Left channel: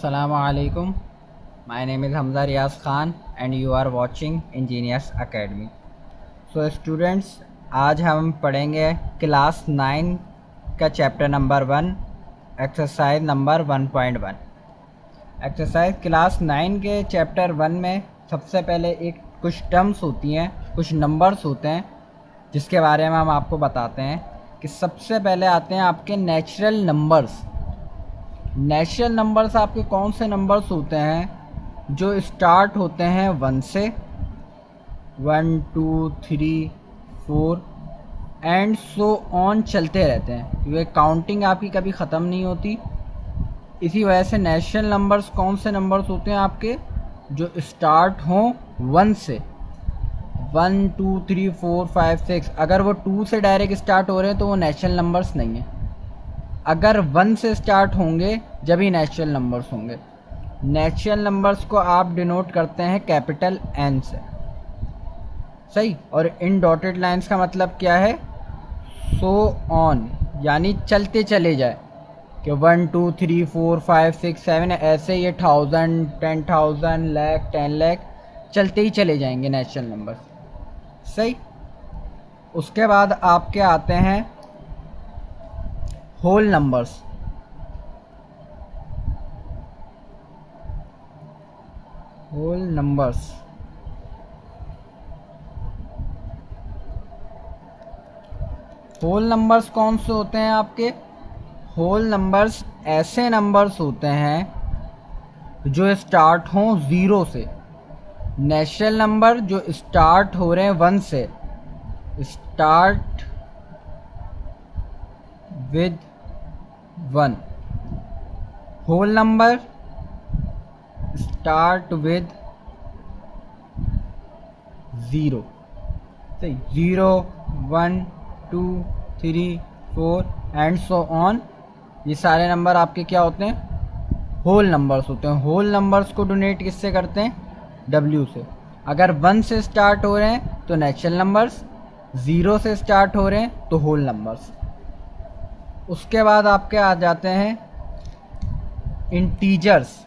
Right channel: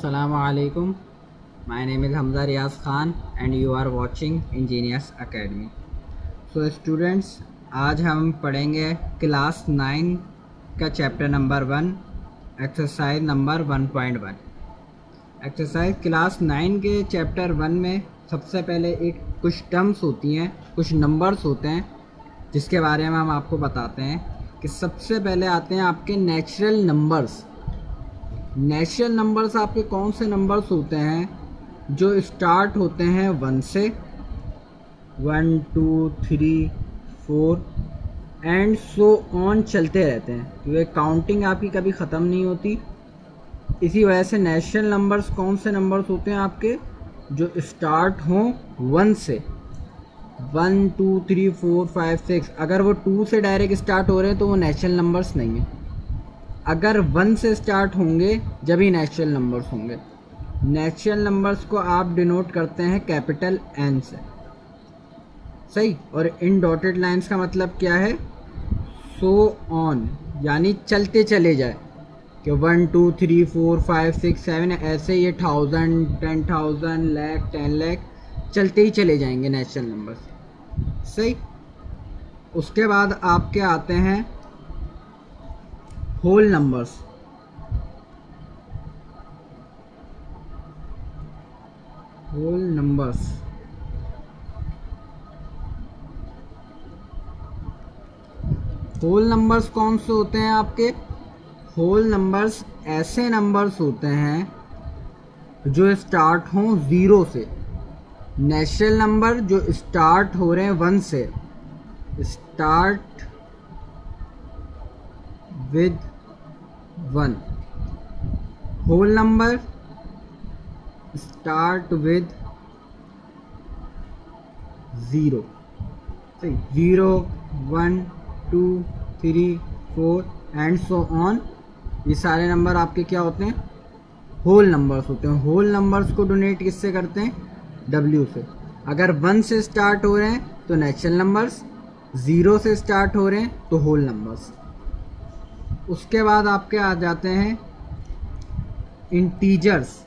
Assalamu alaikum. My name is Hamza Riaz Khan and you are watching Engineers Academy. So students, आज हम पढ़ेंगे class 9 का chapter number 1 exercise number 1.1। Exercise class 9 के chapter 1 में सबसे पहले कुछ टर्म्स होती हैं, कुछ नंबर्स होते हैं जिसके बारे में हम आपको बताते हैं कि सबसे पहले आते हैं आपके नेचुरल नंबर्स। नेचुरल नंबर्स आपके कौन से नंबर्स होते हैं जो स्टार्ट होते हैं 1 से, 1 2 3 4 एंड सो ऑन चलते रहते हैं, क्योंकि काउंटिंग आपकी कभी ख़त्म नहीं होती। इसी वजह से नेचुरल नंबर्स कौन से नंबर्स होते हैं आपके जो स्टार्ट हों 1 से, 1 2 3 4 5 6। अगर वो 2 से डायरेक्ट स्टार्ट हो रहे हैं तो वो नेचुरल नंबर्स नहीं है। अगर 1 से स्टार्ट होंगे जब ही नेचुरल नंबर्स होंगे। नेचुरल नंबर्स को आप डिनोट करते हैं कैपिटल एन से, सही। और इन डॉटेड लाइंस का मतलब क्या है? सो ऑन, यानी चलते चले जाए कि 1 2 3 4 5 6 7 ऐसे ये 1000 10,000 लाख 10 लाख चलते ही चले जाएंगे नेचुरल नंबर्स, सही। उसके बाद आपके आते हैं whole numbers. Whole numbers whole numbers कौन से होते हैं आपके? होल नंबर्स ऐसे नंबर्स होते हैं जो स्टार्ट हों 0 से। नेचुरल नंबर जो स्टार्ट हो रहे हैं 1 से, start with 1। Whole number start with 0, सही। 0 1 2 3 4 एंड सो ऑन, ये सारे नंबर आपके क्या होते हैं? होल नंबर्स होते हैं। होल नंबर्स को डोनेट किससे करते हैं? W से। अगर 1 से स्टार्ट हो रहे हैं तो नेचुरल नंबर्स, 0 से स्टार्ट हो रहे हैं तो होल नंबर्स। उसके बाद आपके आ जाते हैं इंटीजर्स।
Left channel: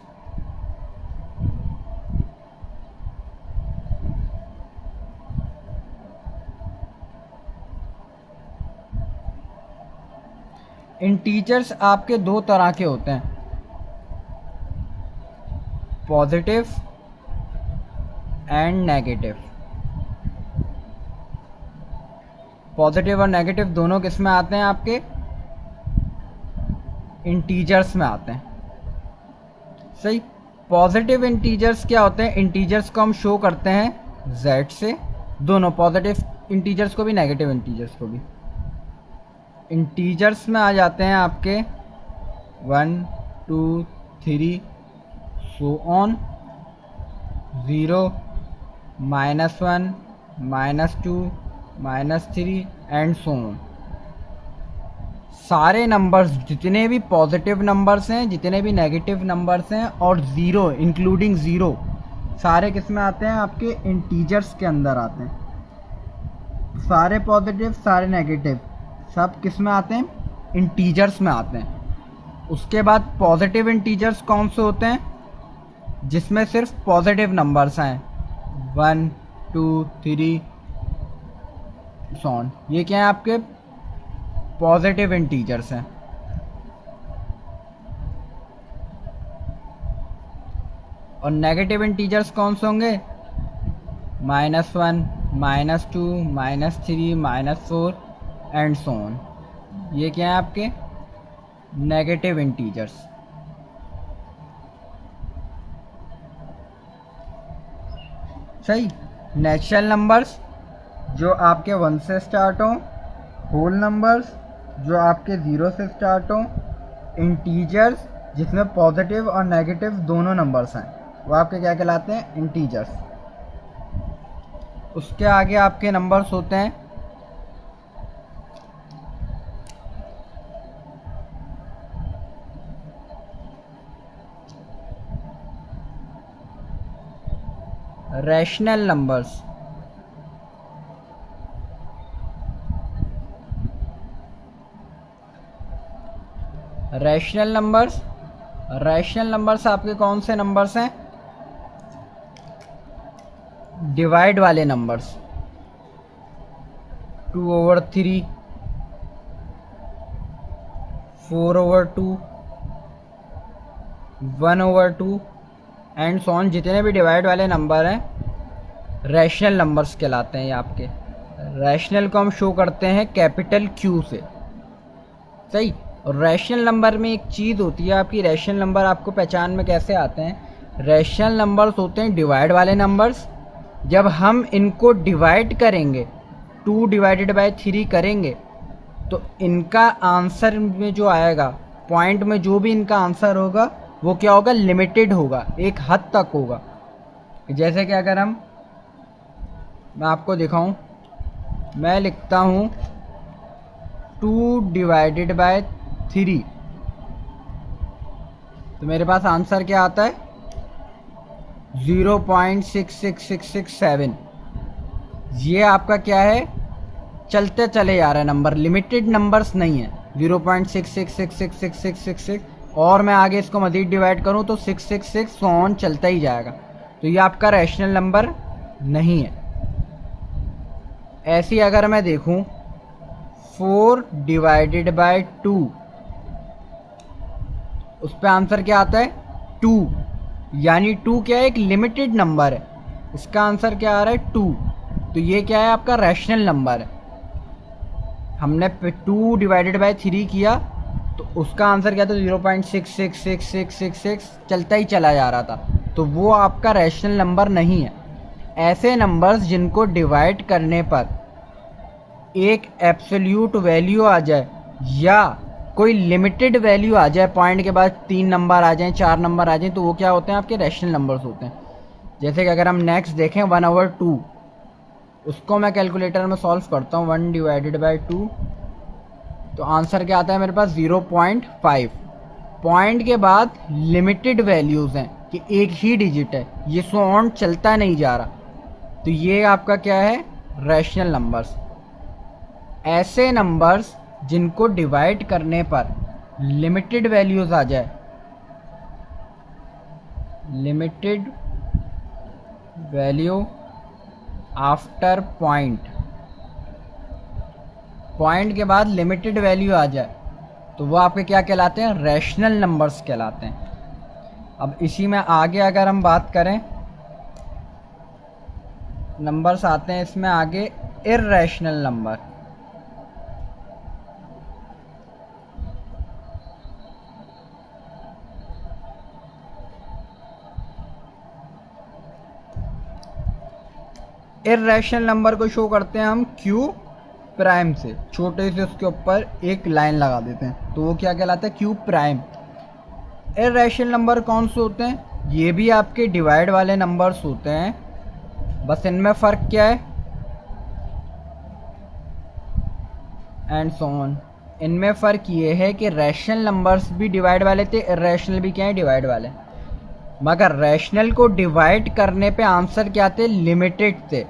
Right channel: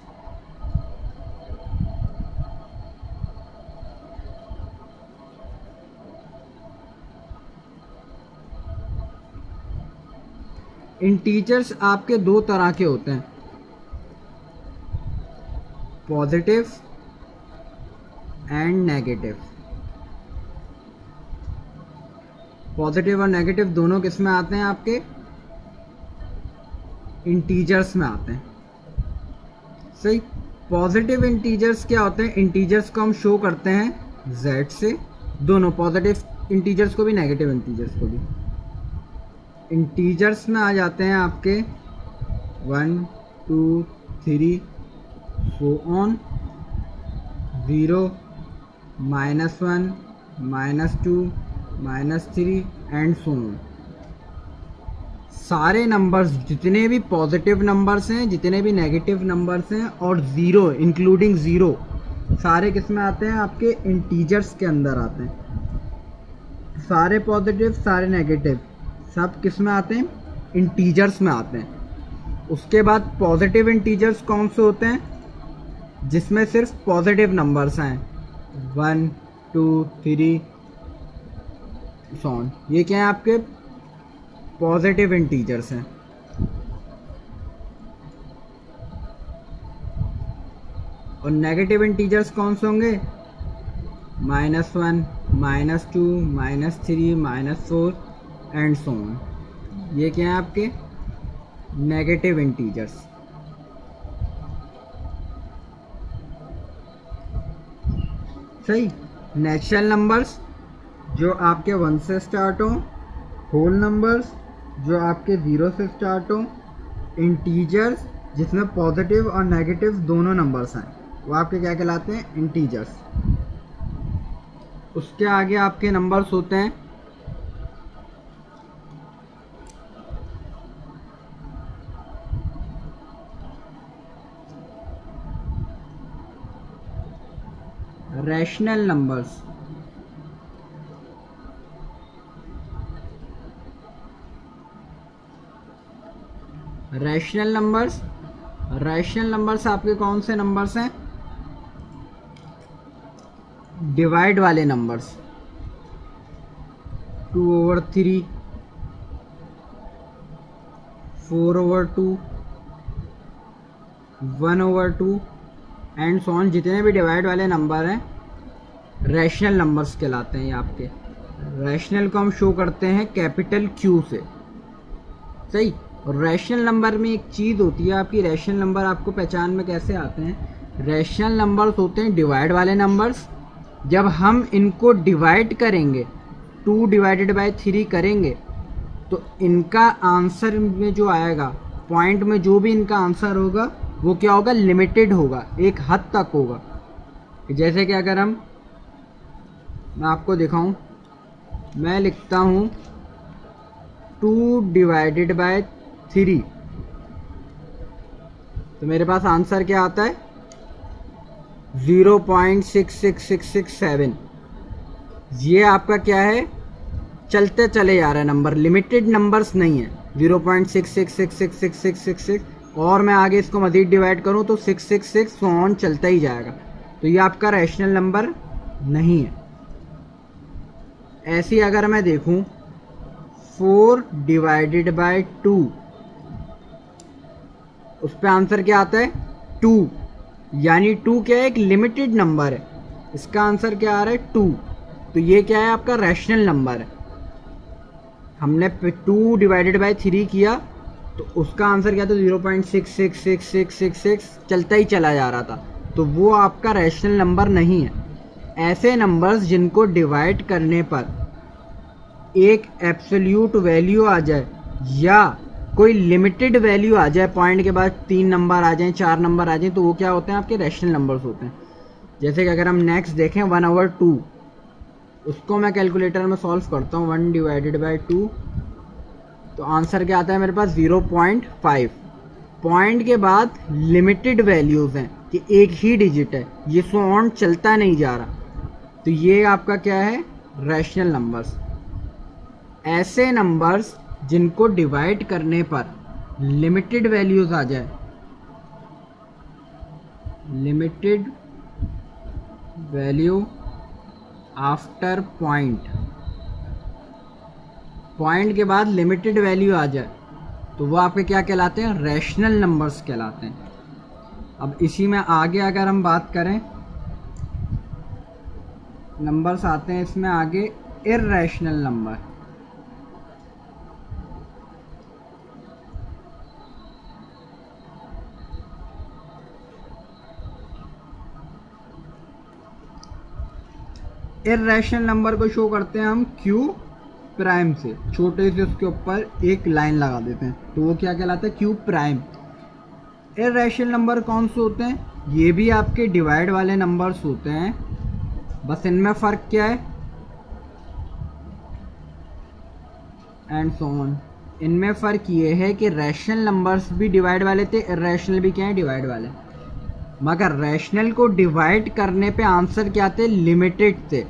इंटीजर्स आपके दो तरह के होते हैं, पॉजिटिव एंड नेगेटिव। पॉजिटिव और नेगेटिव दोनों किस में आते हैं? आपके इंटीजर्स में आते हैं, सही। पॉजिटिव इंटीजर्स क्या होते हैं? इंटीजर्स को हम शो करते हैं z से, दोनों पॉजिटिव इंटीजर्स को भी नेगेटिव इंटीजर्स को भी। इंटीजर्स में आ जाते हैं आपके 1 2 3 so on, 0 -1 -2 -3 and so on. सारे नंबर्स जितने भी पॉजिटिव नंबर्स हैं, जितने भी नेगेटिव नंबर्स हैं और 0 इंक्लूडिंग 0, सारे किस में आते हैं? आपके इंटीजर्स के अंदर आते हैं। सारे पॉजिटिव सारे नेगेटिव सब किस में आते हैं? इंटीजर्स में आते हैं। उसके बाद पॉजिटिव इंटीजर्स कौन से होते हैं? जिसमें सिर्फ पॉजिटिव नंबर्स हैं, 1 2 3 सॉन, ये क्या है? आपके पॉजिटिव इंटीजर्स हैं। और नेगेटिव इंटीजर्स कौन से होंगे? -1 -2 -3 -4 एंड सो ऑन, ये क्या है? आपके नेगेटिव इंटीजर्स। सही। नेचुरल नंबर्स जो आपके 1 से स्टार्ट हों, होल नंबर्स जो आपके 0 से स्टार्ट हों, इंटीजर्स जिसमें पॉजिटिव और नेगेटिव दोनों नंबर्स हैं, वो आपके क्या कहलाते हैं? इंटीजर्स। उसके आगे आपके नंबर्स होते हैं rational numbers. Rational numbers rational numbers आपके कौन से नंबर्स हैं? डिवाइड वाले नंबर्स, 2/3, 4/2, 1/2 एंड सो ऑन। जितने भी डिवाइड वाले नंबर हैं रैशनल नंबर्स कहलाते हैं ये आपके। रैशनल को हम शो करते हैं कैपिटल Q से, सही। और रैशनल नंबर में एक चीज़ होती है आपकी, रैशनल नंबर आपको पहचान में कैसे आते हैं? रैशनल नंबर्स होते हैं डिवाइड वाले नंबर्स। जब हम इनको डिवाइड करेंगे, 2/3 करेंगे, तो इनका आंसर में जो आएगा, पॉइंट में जो भी इनका आंसर होगा वो क्या होगा? लिमिटेड होगा, एक हद तक होगा। जैसे कि अगर मैं आपको दिखाऊं, मैं लिखता हूँ 2/3, तो मेरे पास आंसर क्या आता है? 0.66667। ये आपका क्या है? चलते चले जा रहा है नंबर, लिमिटेड नंबर्स नहीं है। 0.6666666 और मैं आगे इसको मज़ीद डिवाइड करूँ तो 666 ऑन चलता ही जाएगा। तो ये आपका रैशनल नंबर नहीं है। ऐसी अगर मैं देखूँ 4/2, उस पर आंसर क्या आता है? 2, यानी 2 क्या है? एक लिमिटेड नंबर है। इसका आंसर क्या आ रहा है? 2। तो ये क्या है? आपका रैशनल नंबर है। हमने 2/3 किया तो उसका आंसर क्या था? 0.66666 चलता ही चला जा रहा था, तो वो आपका रैशनल नंबर नहीं है। ऐसे नंबर्स जिनको डिवाइड करने पर एक एब्सोल्यूट वैल्यू आ जाए या कोई लिमिटेड वैल्यू आ जाए, पॉइंट के बाद 3 नंबर आ जाएं, 4 नंबर आ जाएं, तो वो क्या होते हैं? आपके रैशनल नंबर्स होते हैं। जैसे कि अगर हम नेक्स्ट देखें 1/2, उसको मैं कैलकुलेटर में सॉल्व करता हूँ। 1/2, तो आंसर क्या आता है मेरे पास? 0.5। पॉइंट के बाद लिमिटेड वैल्यूज़ हैं कि एक ही डिजिट है, ये सो ऑन चलता नहीं जा रहा, तो ये आपका क्या है? Rational numbers. ऐसे नंबर्स जिनको डिवाइड करने पर लिमिटेड वैल्यूज़ आ जाए, limited value after point, point के बाद लिमिटेड वैल्यू आ जाए, तो वो आपके क्या कहलाते हैं? रैशनल नंबर्स कहलाते हैं। अब इसी में आगे अगर हम बात करें, नंबर्स आते हैं इसमें आगे इर्रेशनल नंबर। इर्रेशनल नंबर को शो करते हैं हम Q प्राइम से, छोटे से उसके ऊपर एक लाइन लगा देते हैं, तो वो क्या कहलाता है? Q prime. इर्रेशनल नंबर कौन से होते हैं? ये भी आपके डिवाइड वाले नंबर्स होते हैं, बस इनमें फ़र्क क्या है? And so on. इनमें फ़र्क ये है कि रैशनल नंबर्स भी डिवाइड वाले थे, इर्रेशनल भी क्या है? डिवाइड वाले। मगर रैशनल को डिवाइड करने पे आंसर क्या थे? लिमिटेड थे।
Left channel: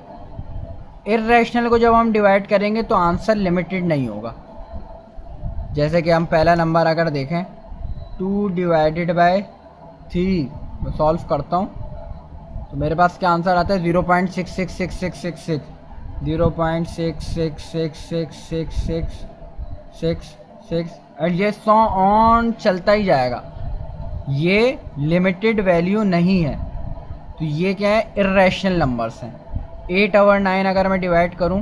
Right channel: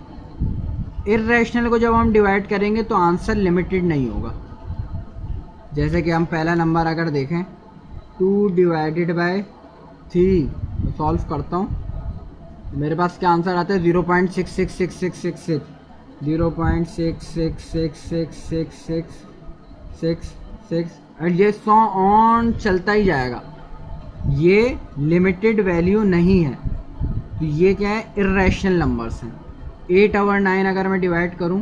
इर्रेशनल को जब हम डिवाइड करेंगे तो आंसर लिमिटेड नहीं होगा। जैसे कि हम पहला नंबर अगर देखें 2/3, मैं सॉल्व करता हूँ तो मेरे पास क्या आंसर आता है? 0.66666 0.6666666 एंड ये सो ऑन चलता ही जाएगा। ये लिमिटेड वैल्यू नहीं है, तो ये क्या है? इर्रेशनल नंबर्स हैं। 8/9 अगर मैं डिवाइड करूं,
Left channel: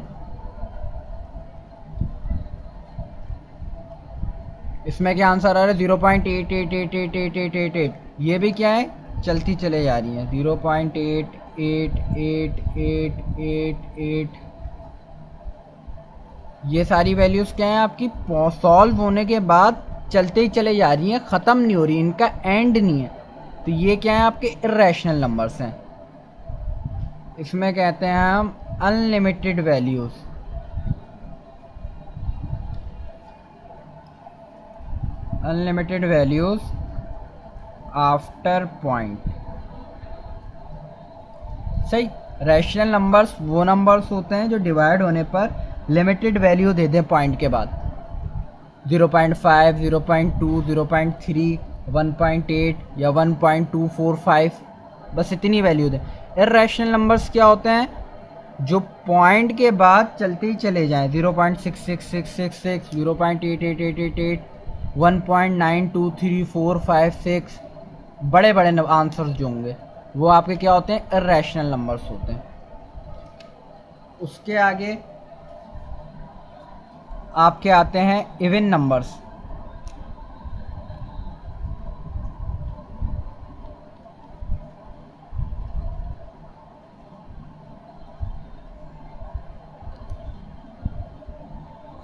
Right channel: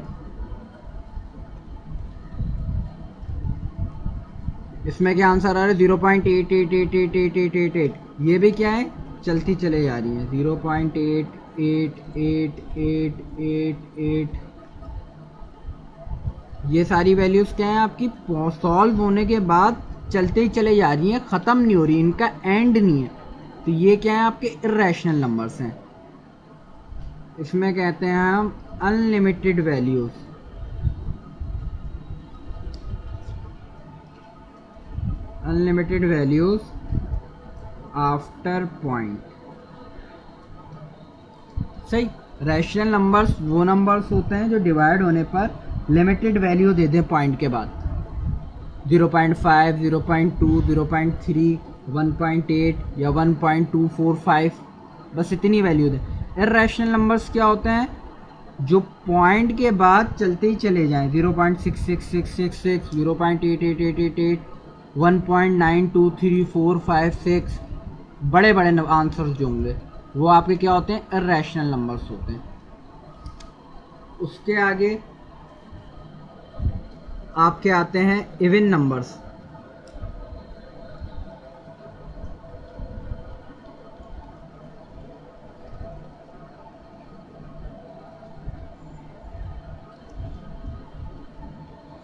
इसमें क्या आंसर आ रहा है? 0.88888888। ये भी क्या है? चलती चले जा रही है। 0.888888। ये सारी वैल्यूज़ क्या हैं आपकी? सॉल्व होने के बाद चलते ही चले जा रही हैं, ख़त्म नहीं हो रही, इनका एंड नहीं है, तो ये क्या है? आपके इर्रेशनल नंबर्स हैं। इसमें कहते हैं हम unlimited values. Unlimited values after point, सही। रैशनल नंबर्स वो नंबर्स होते हैं जो डिवाइड होने पर लिमिटेड वैल्यू दे दें पॉइंट के बाद। 0.5, 0.2, 0.3, 1.8 या 1.245, बस इतनी वैल्यू दें। इर्रेशनल नंबर्स क्या होते हैं? जो पॉइंट के बाद चलते ही चले जाएं, 0.66666, 0.88888, 1.92345 बड़े बड़े आंसर्स जो होंगे वो आपके क्या होते हैं? इर्रेशनल नंबर्स होते हैं। उसके आगे आपके आते हैं even numbers.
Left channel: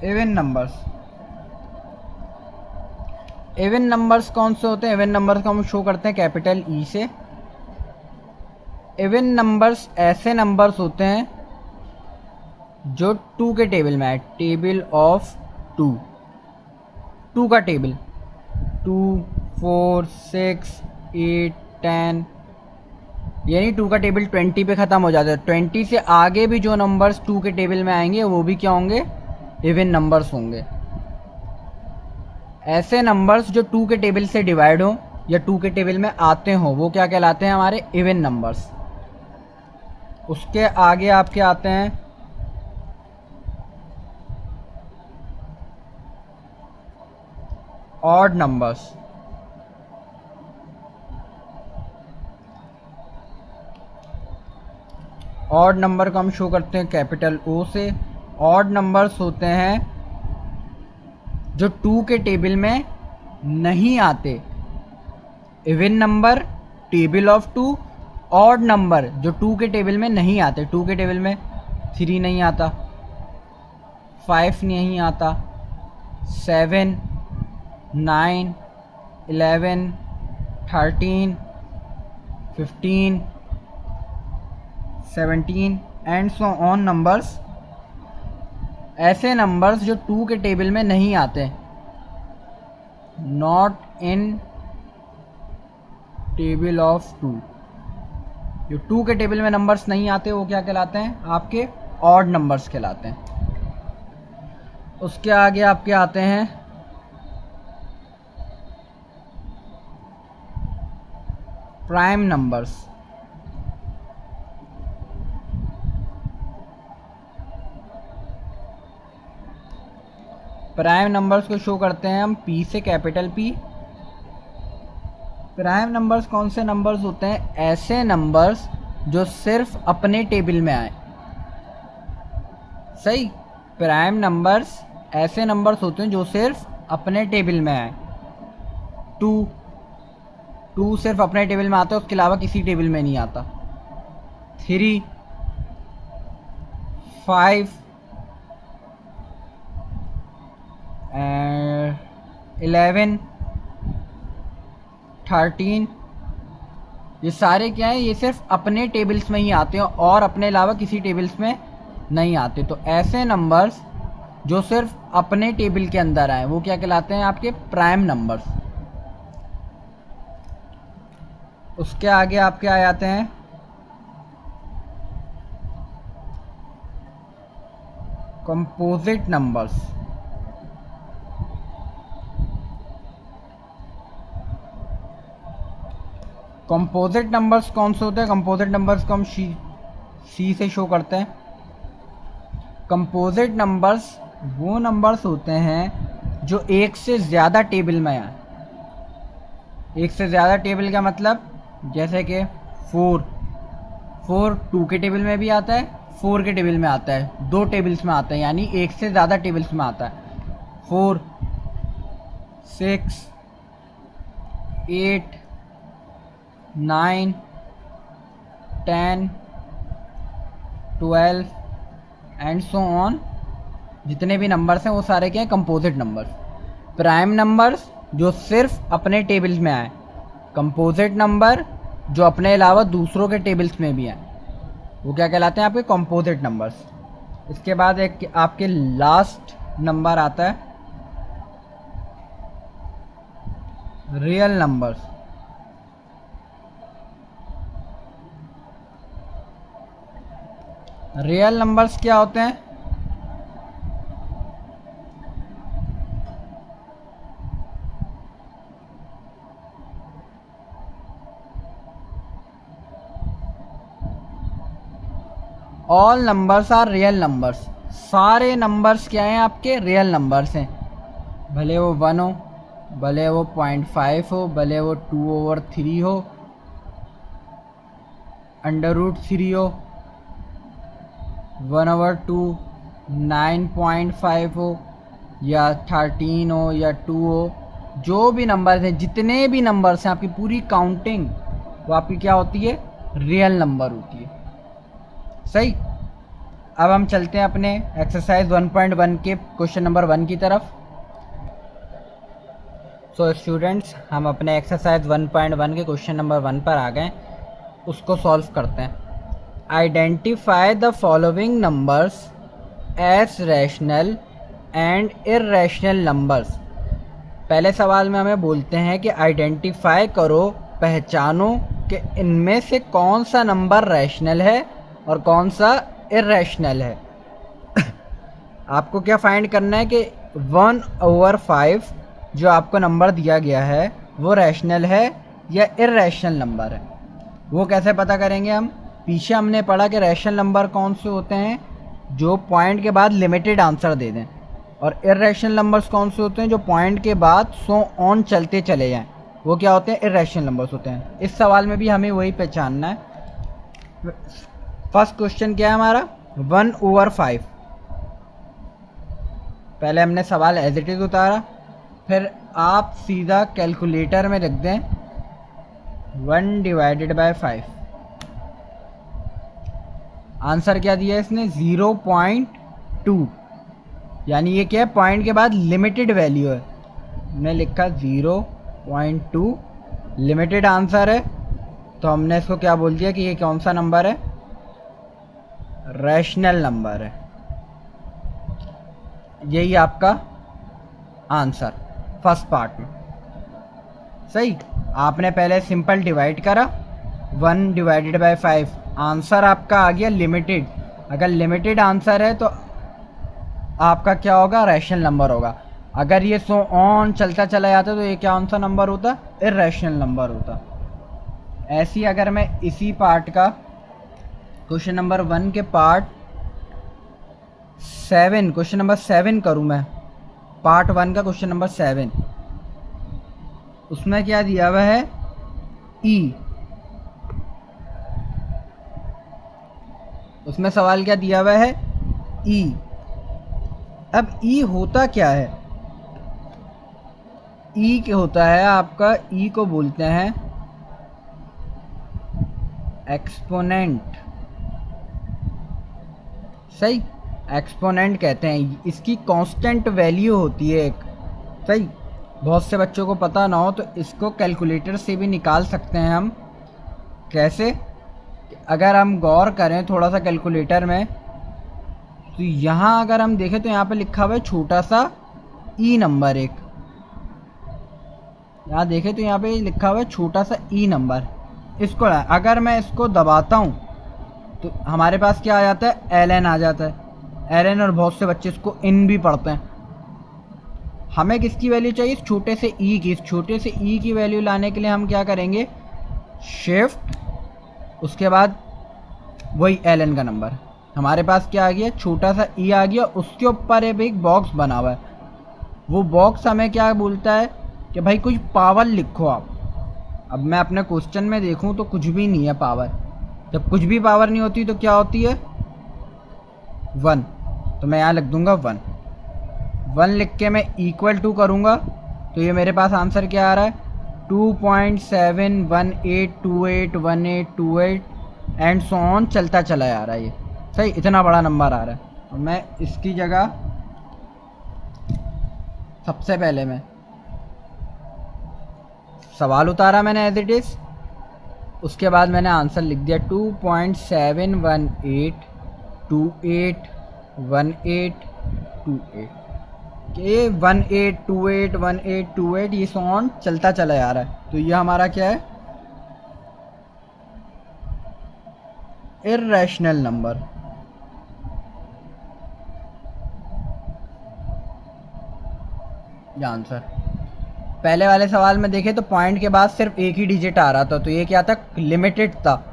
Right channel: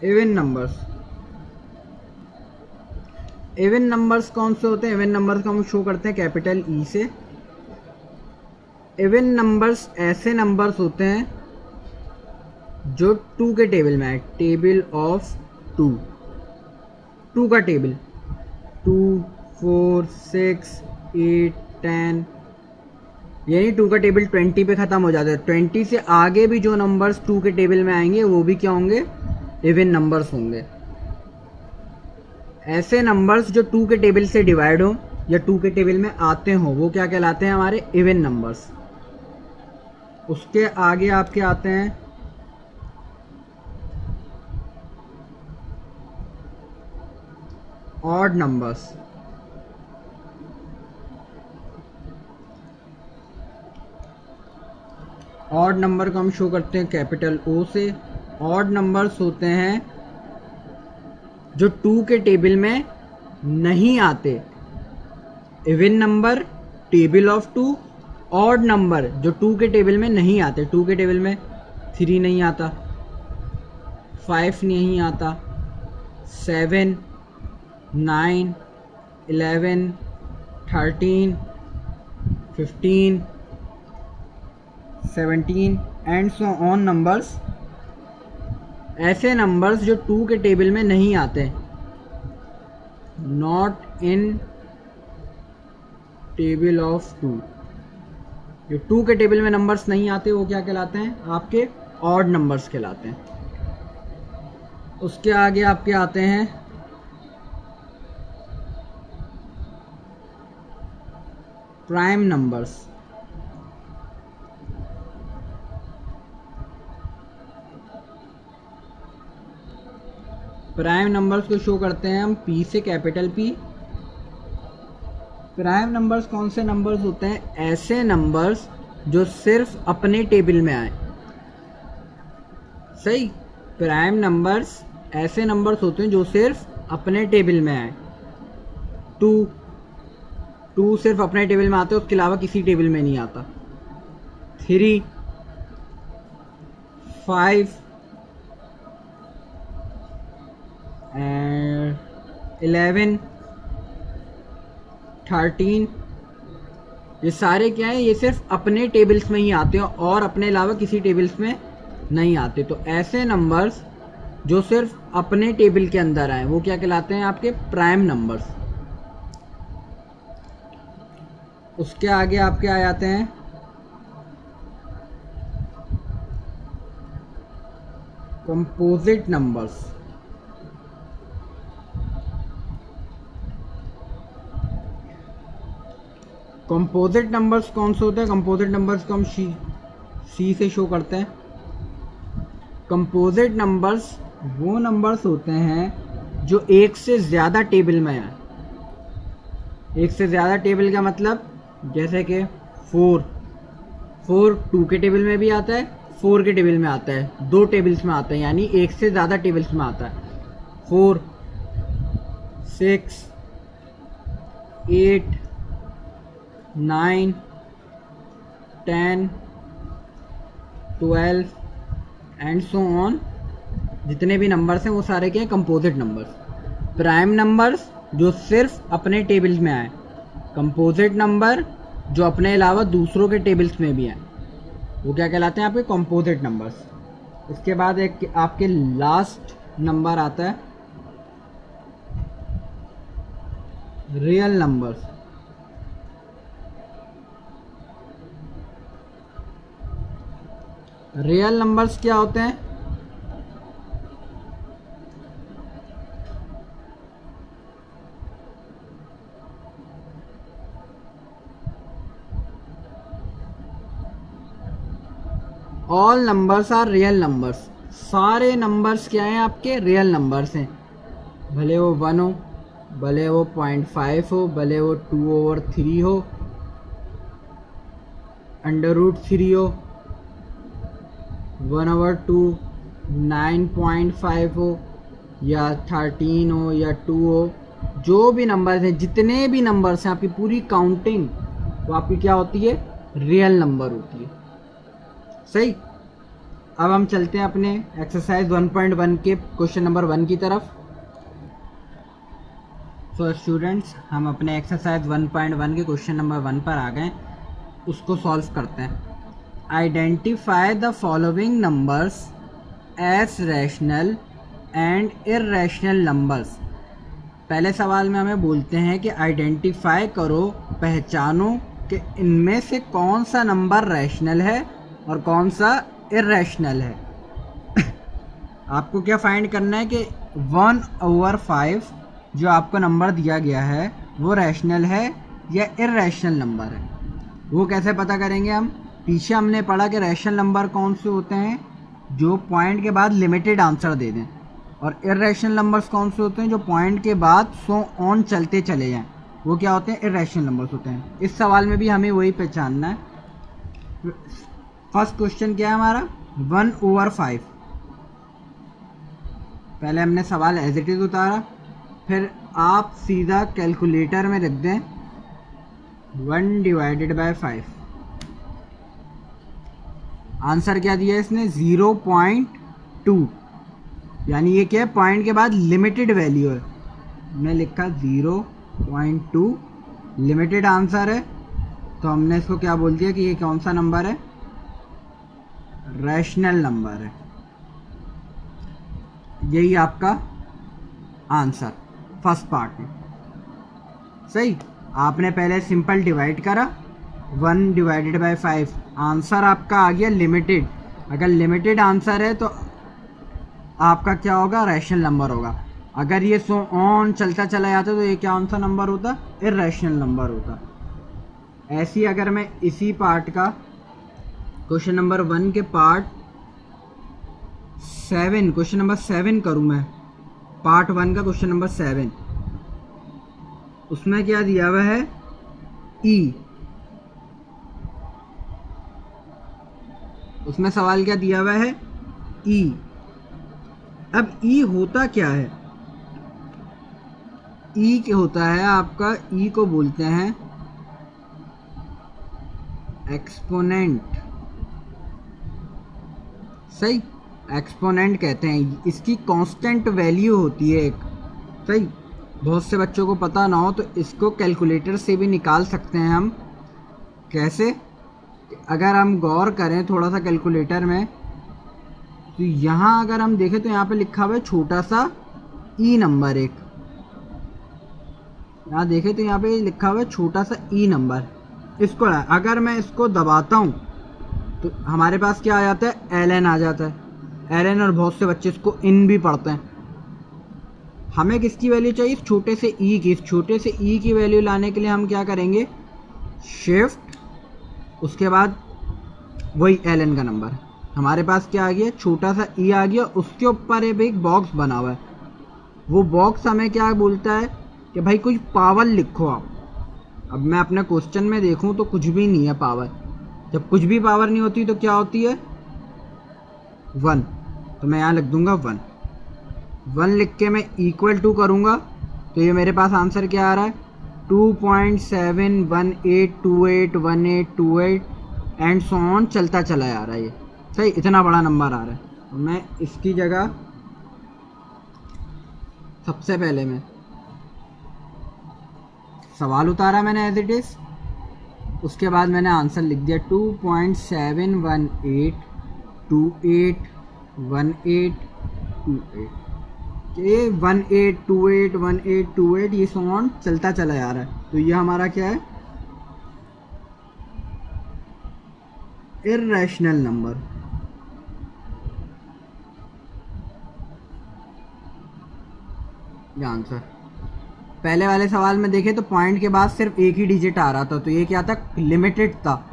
Even numbers, even numbers कौन से होते हैं? इवन नंबर्स को हम शो करते हैं कैपिटल ई से। इवन नंबर्स ऐसे नंबर्स होते हैं जो 2 के टेबल में है। टेबल ऑफ 2, 2 का टेबल, 2, 4, 6, 8, 10, यानी 2 का टेबल 20 पे ख़त्म हो जाता है। 20 से आगे भी जो नंबर्स 2 के टेबल में आएंगे वो भी क्या होंगे? इवन नंबर्स होंगे। ऐसे नंबर्स जो 2 के टेबल से डिवाइड हो या 2 के टेबल में आते हों वो क्या कहलाते हैं? हमारे इवन नंबर्स। उसके आगे आपके आते हैं ऑड नंबर्स। ऑड नंबर को हम शो करते हैं कैपिटल ओ से। ऑड नंबर्स होते हैं जो 2 के टेबल में नहीं आते। Even number, table of 2, odd number जो 2 के टेबल में नहीं आते। 2 के टेबल में 3 नहीं आता, 5 नहीं आता, 7, 9, 11, 13, 15, 17 एंड सो ऑन नंबर्स। ऐसे नंबर्स जो 2 के टेबल में नहीं आते, नॉट इन टेबल ऑफ 2, जो 2 के टेबल में नंबर्स नहीं आते वो क्या कहलाते हैं? आपके ऑड नंबर्स कहलाते हैं। उसके आगे आपके आते हैं प्राइम नंबर्स। प्राइम नंबर्स को शो करते हैं हम पी से, कैपिटल पी। प्राइम नंबर्स कौन से नंबर्स होते हैं? ऐसे नंबर्स जो सिर्फ अपने टेबल में आए। सही, प्राइम नंबर्स ऐसे नंबर्स होते हैं जो सिर्फ अपने टेबल में आए। 2 सिर्फ अपने टेबल में आता है, उसके अलावा किसी टेबल में नहीं आता। 3, 5 एंड 11, 13, ये सारे क्या हैं? ये सिर्फ अपने टेबल्स में ही आते हैं और अपने अलावा किसी टेबल्स में नहीं आते। तो ऐसे नंबर्स जो सिर्फ अपने टेबल के अंदर आए वो क्या कहलाते हैं? आपके प्राइम नंबर्स। उसके आगे आपके आ जाते हैं कंपोजिट नंबर्स। कंपोजिट नंबर्स कौन से होते हैं? कंपोजिट नंबर्स को हम सी से शो करते हैं। कंपोजिट नंबर्स वो नंबर्स होते हैं जो एक से ज़्यादा टेबल में आए। एक से ज़्यादा टेबल का मतलब जैसे कि 4 2 के टेबल में भी आता है, 4 के टेबल में आता है, 2 टेबल्स में आता है, यानी एक से ज़्यादा टेबल्स में आता है। 4, 6, 8, 9, 10, 12 एंड सो ऑन। जितने भी नंबर्स हैं वो सारे क्या हैं? Composite numbers. प्राइम नंबर्स जो सिर्फ अपने टेबल्स में आए, कंपोजिट नंबर जो अपने अलावा दूसरों के टेबल्स में भी हैं वो क्या कहलाते हैं? आपके कंपोजिट नंबर्स। इसके बाद एक आपके लास्ट नंबर आता है रियल नंबर्स। रियल नंबर्स क्या होते हैं? All numbers are real numbers, सारे नंबर्स क्या हैं आपके रियल नंबर्स हैं, भले वो 1 हो, भले वो 0.5 हो, भले वो 2/3 हो, √3 हो, 1/2, 9.5 हो, या 13 हो, या 2 हो, जो भी नंबर हैं, जितने भी नंबर्स हैं आपकी पूरी काउंटिंग वो आपकी क्या होती है, रियल नंबर होती है। सही। अब हम चलते हैं अपने एक्सरसाइज 1.1 के क्वेश्चन नंबर 1 की तरफ। सो स्टूडेंट्स, हम अपने एक्सरसाइज 1.1 के क्वेश्चन नंबर 1 पर आ गए, उसको सॉल्व करते हैं। Identify the following numbers as rational and irrational numbers. पहले सवाल में हमें बोलते हैं कि आइडेंटिफाई करो, पहचानो कि इनमें से कौन सा नंबर रैशनल है और कौन सा इर्रेशनल है। आपको क्या फाइंड करना है कि 1/5 जो आपको नंबर दिया गया है वो रैशनल है या इर्रेशनल नंबर है। वो कैसे पता करेंगे हम? पीछे हमने पढ़ा कि रैशनल नंबर कौन से होते हैं, जो पॉइंट के बाद लिमिटेड आंसर दे दें, और इर्रेशनल नंबर्स कौन से होते हैं, जो पॉइंट के बाद सो ऑन चलते चले जाएं। वो क्या होते हैं? इर्रेशनल नंबर्स होते हैं। इस सवाल में भी हमें वही पहचानना है। फर्स्ट क्वेश्चन क्या है हमारा? 1/5। पहले हमने सवाल एज इट इज़ उतारा, फिर आप सीधा कैलकुलेटर में लिख दें 1/5। आंसर क्या दिया इसने? 0.2, यानी ये क्या है, पॉइंट के बाद लिमिटेड वैल्यू है। हमने लिखा 0.2 लिमिटेड आंसर है, तो हमने इसको क्या बोल दिया कि ये कौन सा नंबर है? रैशनल नंबर है। यही आपका आंसर फर्स्ट पार्ट में। सही। आपने पहले सिंपल डिवाइड करा, 1/5, आंसर आपका आ गया लिमिटेड। अगर लिमिटेड आंसर है तो आपका क्या होगा? रैशनल नंबर होगा। अगर ये सो ऑन चलता चला जाता तो ये क्या सा नंबर होता? इर्रेशनल नंबर होता। ऐसी अगर मैं इसी पार्ट का क्वेश्चन नंबर 1 के पार्ट 7, क्वेश्चन नंबर 7 करूँ मैं, पार्ट 1 का क्वेश्चन नंबर 7, उसमें क्या दिया हुआ है? ई। उसमें सवाल क्या दिया हुआ है? ई। अब ई होता क्या है? ई क्या होता है आपका? ई को बोलते हैं एक्सपोनेंट। सही। एक्सपोनेंट कहते हैं, इसकी कांस्टेंट वैल्यू होती है एक। सही। बहुत से बच्चों को पता ना हो तो इसको कैलकुलेटर से भी निकाल सकते हैं हम। कैसे? अगर हम गौर करें थोड़ा सा कैलकुलेटर में, तो यहाँ अगर हम देखें तो यहाँ पे लिखा हुआ है छोटा सा ई नंबर एक। यहाँ देखें तो यहाँ पे लिखा हुआ है छोटा सा ई नंबर। इसको अगर मैं इसको दबाता हूँ तो हमारे पास क्या आ जाता है? एल एन आ जाता है। एल एन, और बहुत से बच्चे इसको इन भी पढ़ते हैं। हमें किसकी वैल्यू चाहिए? इस छोटे से ई की। इस छोटे से ई की वैल्यू लाने के लिए हम क्या करेंगे? शिफ्ट, उसके बाद वही एल एन का नंबर। हमारे पास क्या आ गया? छोटा सा ई आ गया, उसके ऊपर एक बॉक्स बना हुआ है। वो बॉक्स हमें क्या बोलता है कि भाई कुछ पावर लिखो आप। अब मैं अपने क्वेश्चन में देखूं तो कुछ भी नहीं है पावर। जब कुछ भी पावर नहीं होती तो क्या होती है? 1। तो मैं यहाँ लिख दूंगा 1। 1 लिख के मैं इक्वल टू करूँगा तो ये मेरे पास आंसर क्या आ रहा है? 2.718281828 एंड सो ऑन चलता चला जा रहा है ये। सही। इतना बड़ा नंबर आ रहा है। और मैं इसकी जगह सबसे पहले मैं सवाल उतारा मैंने एज इट इज़, उसके बाद मैंने आंसर लिख दिया 2.718281828 के 18281828 ये सॉन्ग चलता चला जा रहा है। तो ये हमारा क्या है? Irrational number. ये आंसर। पहले वाले सवाल में देखें तो पॉइंट के बाद सिर्फ एक ही डिजिट आ रहा था, तो ये क्या था? लिमिटेड था,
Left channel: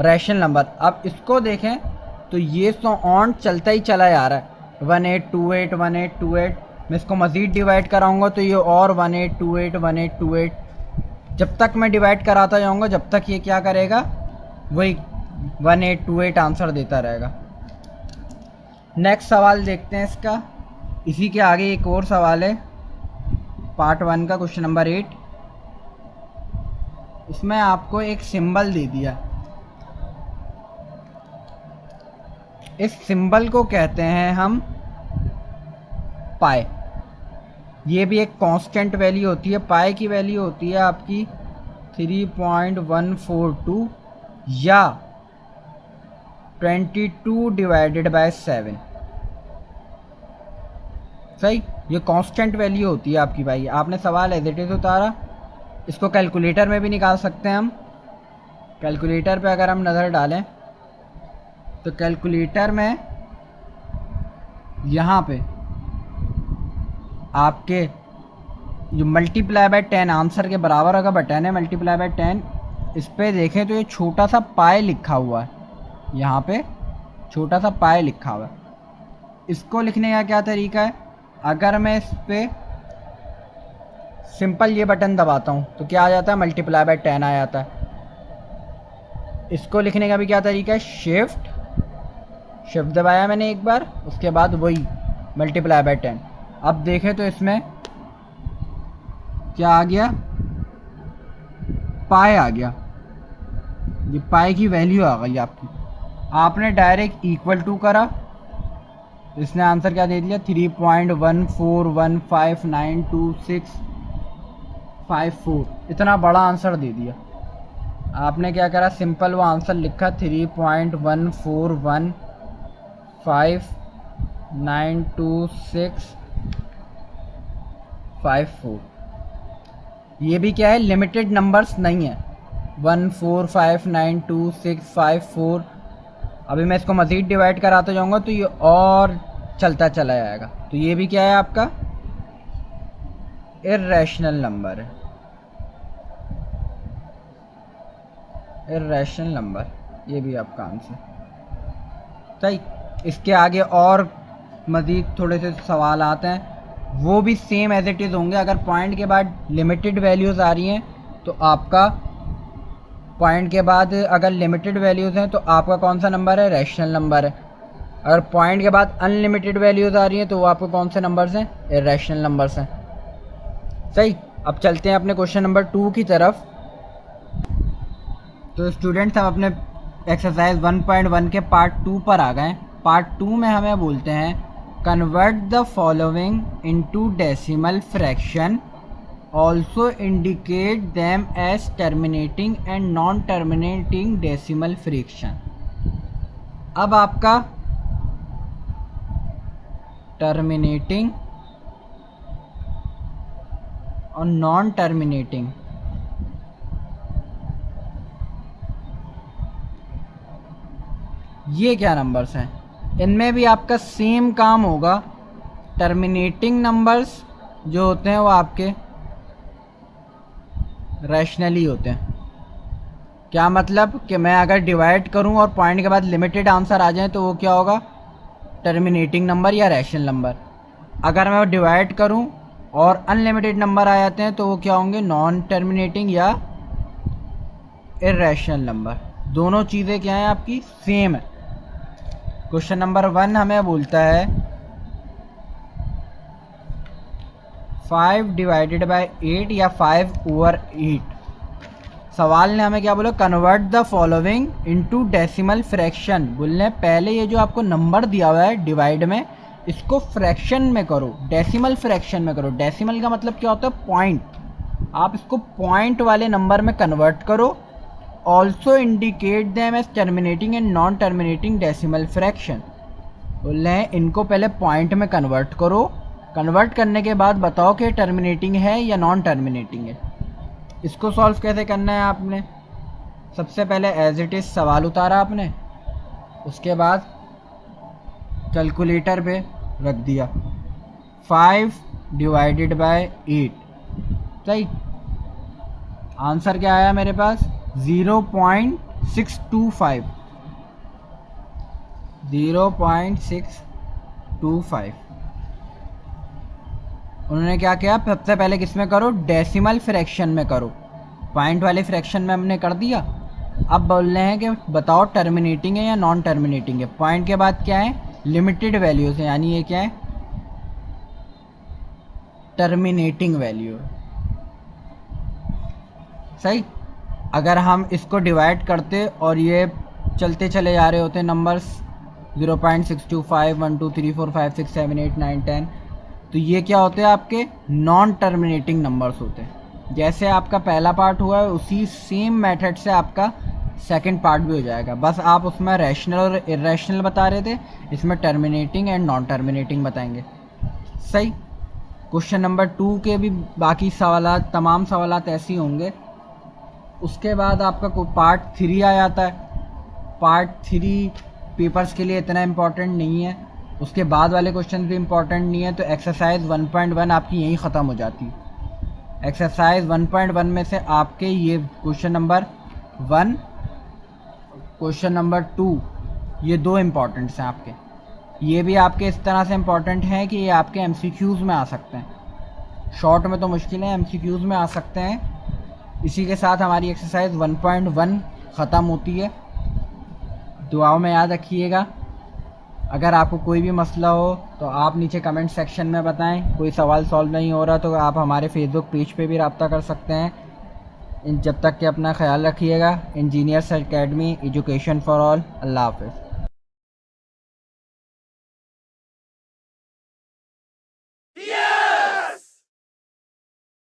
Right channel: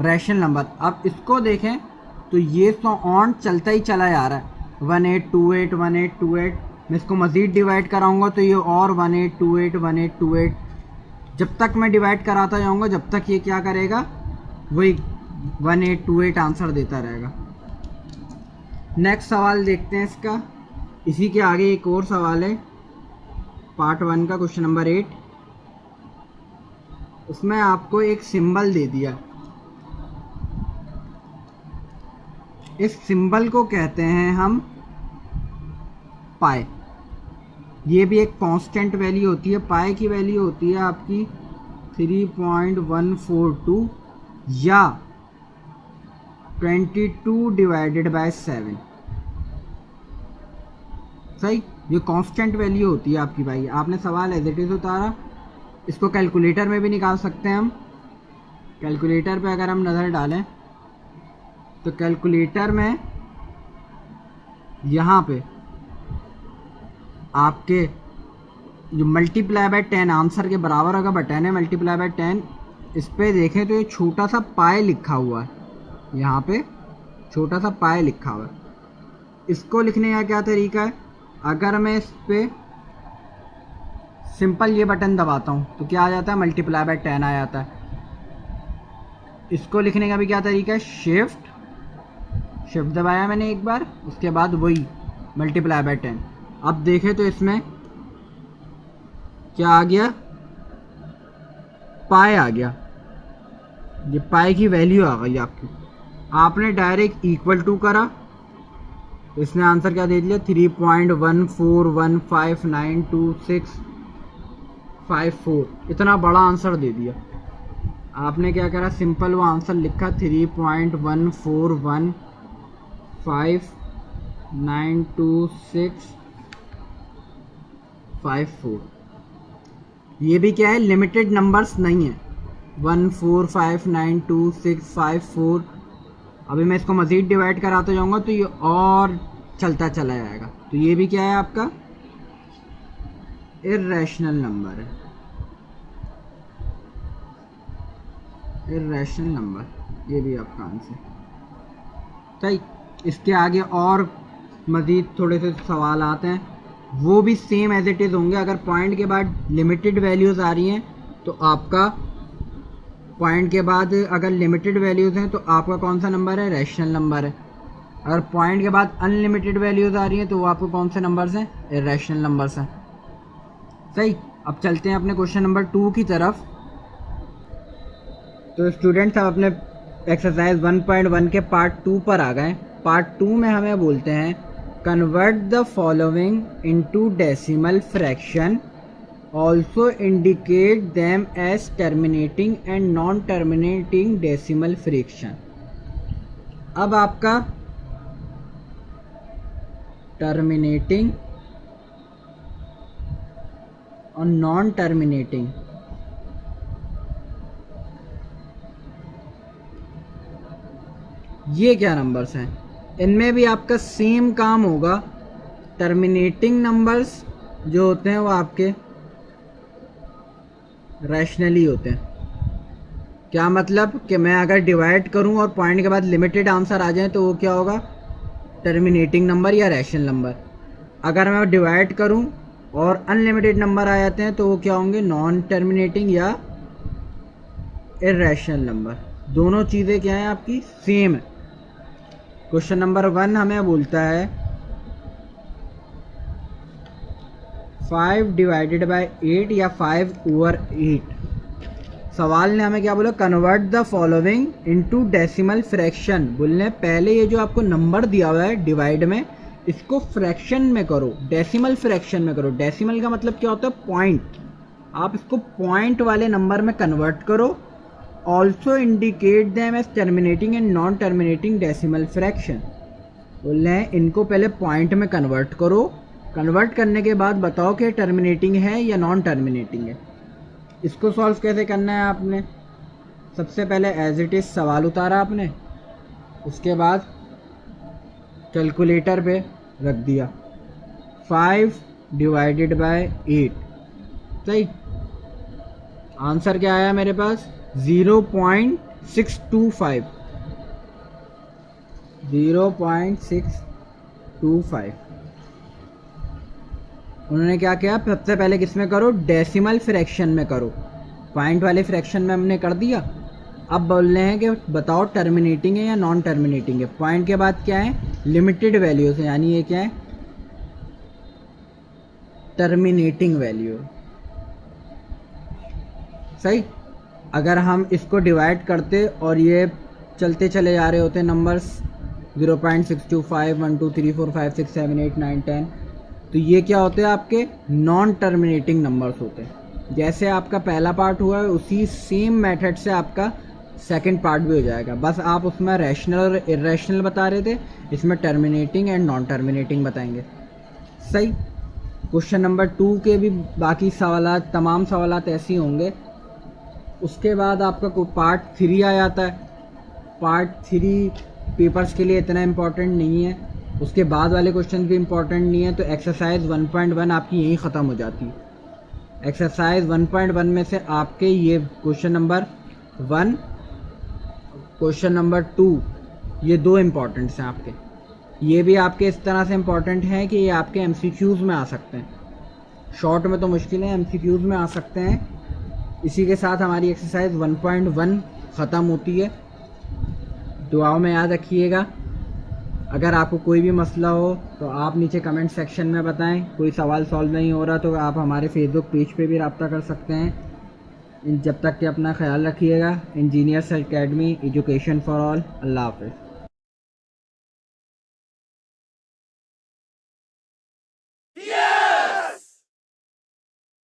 रैशनल नंबर। अब इसको देखें तो ये ऑन चलता ही चला जा रहा है, 1828 1828। मैं इसको मज़ीद डिवाइड कराऊंगा तो ये और 1828 1828, जब तक मैं डिवाइड कराता जाऊंगा जब तक ये क्या करेगा, वही 1828 आंसर देता रहेगा। नेक्स्ट सवाल देखते हैं इसका। इसी के आगे एक और सवाल है, पार्ट 1 का क्वेश्चन नंबर 8। इसमें आपको एक सिंबल दे दिया, इस सिंबल को कहते हैं हम पाई। ये भी एक कांस्टेंट वैल्यू होती है, पाई की वैल्यू होती है आपकी 3.142 या 22/7। सही, ये कांस्टेंट वैल्यू होती है आपकी भाई। आपने सवाल एज इट इज़ उतारा, इसको कैलकुलेटर में भी निकाल सकते हैं हम। कैलकुलेटर पे अगर हम नज़र डालें तो कैलकुलेटर में यहाँ पे आपके जो मल्टीप्लाई बाय 10 आंसर के बराबर होगा, बटन है मल्टीप्लाई बाय 10, इस पर देखें तो ये छोटा सा पाई लिखा हुआ है, यहाँ पे छोटा सा पाई लिखा हुआ है। इसको लिखने का क्या तरीका है, अगर मैं इस पर सिंपल ये बटन दबाता हूँ तो क्या आ जाता है, मल्टीप्लाई बाय 10 आ जाता है। इसको लिखने का भी क्या तरीका है, शिफ्ट दबाया मैंने एक बार, उसके बाद वही मल्टीप्लाई बाय 10। अब देखें तो इसमें क्या आ गया, पाई आ गया, ये पाई की वैल्यू आ गई आपकी। आपने डायरेक्ट इक्वल टू करा, इसने आंसर क्या दे दिया, 3.141592654, इतना बड़ा आंसर दे दिया। आपने क्या करा, सिंपल वो आंसर लिखा 3.141592654। ये भी क्या है, लिमिटेड नंबर्स नहीं है, 1459265 अभी मैं इसको मज़ीद डिवाइड कराता जाऊंगा तो ये और चलता चला जाएगा। तो ये भी क्या है आपका इर्रेशनल नंबर है, इर्रेशनल नंबर, ये भी आपका आंसर। सही, इसके आगे और मज़ीद थोड़े से सवाल आते हैं, वो भी सेम एज इट इज़ होंगे। अगर पॉइंट के बाद लिमिटेड वैल्यूज़ आ रही हैं तो आपका पॉइंट के बाद अगर लिमिटेड वैल्यूज़ हैं तो आपका कौन सा नंबर है, रैशनल नंबर है। अगर पॉइंट के बाद अनलिमिटेड वैल्यूज़ आ रही हैं तो वो आपको कौन से नंबर्स हैं, इर्रेशनल नंबर्स हैं। सही, अब चलते हैं अपने क्वेश्चन नंबर 2 की तरफ। तो स्टूडेंट्स हम अपने एक्सरसाइज 1.1 के पार्ट 2 पर आ गए। पार्ट 2 में हमें बोलते हैं convert the following into decimal fraction, also indicate them as terminating and non terminating decimal fraction. अब आपका टर्मिनेटिंग और नॉन टर्मिनेटिंग, ये क्या नंबर्स हैं, इनमें भी आपका सेम काम होगा। टर्मिनेटिंग नंबर्स जो होते हैं वो आपके रैशनली होते हैं। क्या मतलब कि मैं अगर डिवाइड करूं और पॉइंट के बाद लिमिटेड आंसर आ जाए तो वो क्या होगा, टर्मिनेटिंग नंबर या रैशनल नंबर। अगर मैं डिवाइड करूं और अनलिमिटेड नंबर आ जाते हैं तो वो क्या होंगे, नॉन टर्मिनेटिंग या इर्रेशनल नंबर। दोनों चीज़ें क्या हैं आपकी, सेम है। क्वेश्चन नंबर 1 हमें बोलता है 5 डिवाइडेड बाय 8 या 5/8। सवाल ने हमें क्या बोला, convert the following into decimal fraction. बोलने पहले ये जो आपको नंबर दिया हुआ है डिवाइड में, इसको फ्रैक्शन में करो, डेसिमल फ्रैक्शन में करो। डेसिमल का मतलब क्या होता है, पॉइंट। आप इसको पॉइंट वाले नंबर में कन्वर्ट करो। Also indicate them as terminating and non terminating decimal fraction. बोल रहे हैं इनको पहले पॉइंट में कन्वर्ट करो, कन्वर्ट करने के बाद बताओ कि टर्मिनेटिंग है या नॉन टर्मिनेटिंग है। इसको सॉल्व कैसे करना है, आपने सबसे पहले एज इट इज़ सवाल उतारा आपने, उसके बाद कैलकुलेटर पे रख दिया 5 डिवाइडेड बाय 8। सही, आंसर क्या आया मेरे पास, 0.625। 0.625। उन्होंने क्या किया, सबसे पहले किस में करो, डेसिमल फ्रैक्शन में करो। पॉइंट वाले फ्रैक्शन में हमने कर दिया। अब बोल रहे हैं कि बताओ टर्मिनेटिंग है या नॉन टर्मिनेटिंग है। पॉइंट के बाद क्या है, लिमिटेड वैल्यूज है, यानी ये क्या है, टर्मिनेटिंग वैल्यू। सही। अगर हम इसको डिवाइड करते और ये चलते चले जा रहे होते नंबर्स 0.625, 1 2 3 4 5 6 7 8 9 10, तो ये क्या होते हैं, आपके नॉन टर्मिनेटिंग नंबर्स होते हैं। जैसे आपका पहला पार्ट हुआ है उसी सेम मेथड से आपका सेकंड पार्ट भी हो जाएगा, बस आप उसमें रैशनल और इरेशनल बता रहे थे, इसमें टर्मिनेटिंग एंड नॉन टर्मिनेटिंग बताएंगे। सही। क्वेश्चन नंबर 2 के भी बाकी सवालात, तमाम सवालात ऐसे ही होंगे। उसके बाद आपका पार्ट 3 आ जाता है। पार्ट 3 पेपर्स के लिए इतना इम्पोर्टेंट नहीं है, उसके बाद वाले क्वेश्चन भी इम्पोर्टेंट नहीं है, तो एक्सरसाइज 1.1 आपकी यहीं ख़त्म हो जाती है। एक्सरसाइज 1.1 में से आपके ये क्वेश्चन नंबर 1, क्वेश्चन नंबर 2, ये 2 इम्पॉर्टेंट्स हैं आपके। ये भी आपके इस तरह से इम्पॉर्टेंट हैं कि ये आपके एमसीक्यूज़ में आ सकते हैं। शॉर्ट में तो मुश्किल है, एमसीक्यूज़ में आ सकते हैं। इसी के साथ हमारी एक्सरसाइज 1.1 ख़त्म होती है। दुआओं में याद रखिएगा। अगर आपको कोई भी मसला हो तो आप नीचे कमेंट सेक्शन में बताएं। कोई सवाल सॉल्व नहीं हो रहा तो आप हमारे फेसबुक पेज पे भी रब्ता कर सकते हैं। जब तक कि अपना ख्याल रखिएगा। Engineers academy, education for all. अल्लाह हाफ़िज़।